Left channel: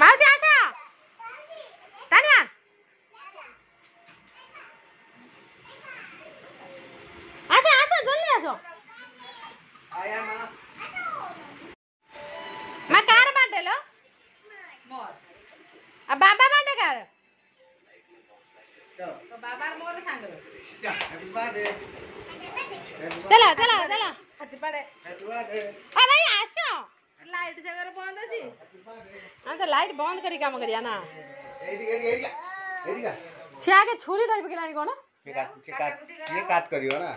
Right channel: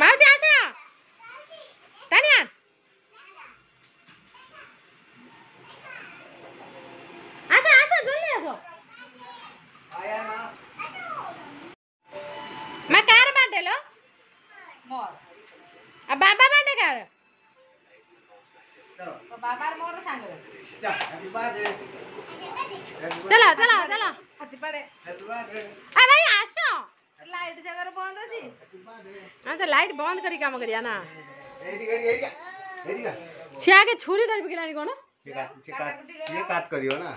ମାଉସୀ ଆସ ତାନିଆ ଆସ ଆସ ଜଲ୍ଦି ଆସ ମା କାର ବାର୍ଥଡେ लो मोर आ बाबा बार्थडे कार तो बाबा मोर सांग हैप्पी बर्थडे चलो चलो चलो हैप्पी बर्थडे आ भाई आसो लाइट जगह बंद अछि हां तो लाइट बंद करी काम करिया ना एडी छिया के छुरी धर बिकलानी कोन ये काट करियो ना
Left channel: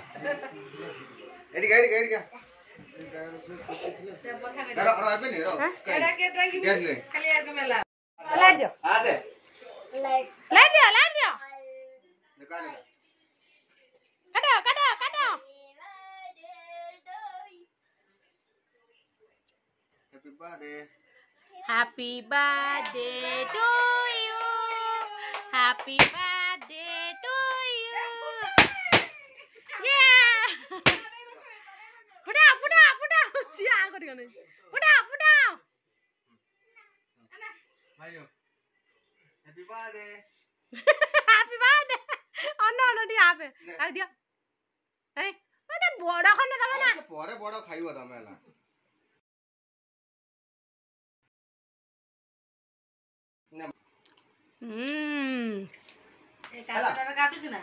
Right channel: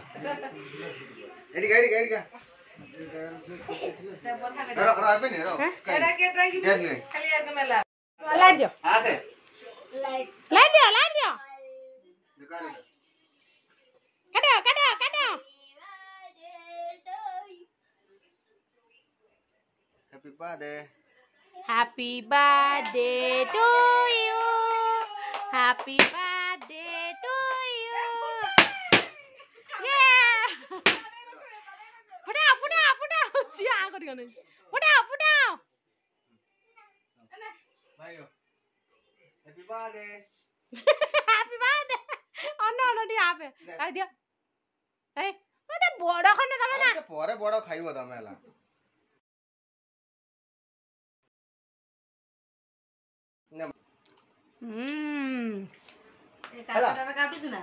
एडी का आबे नि रो एडा के ट्राई खाली आके मेला लाइट दो हां दे लाइट दो निकाल काटो happy birthday to you happy birthday to you ये पुटा सिया करियो नै पुटा भाइयो हैप्पी बर्थडे हैप्पी बर्थडे अन्न डी आबे आ दियो ए ओते बड़ खने दबे ना परे बड़ खाइबो तमेला ए काटा काटु छु ना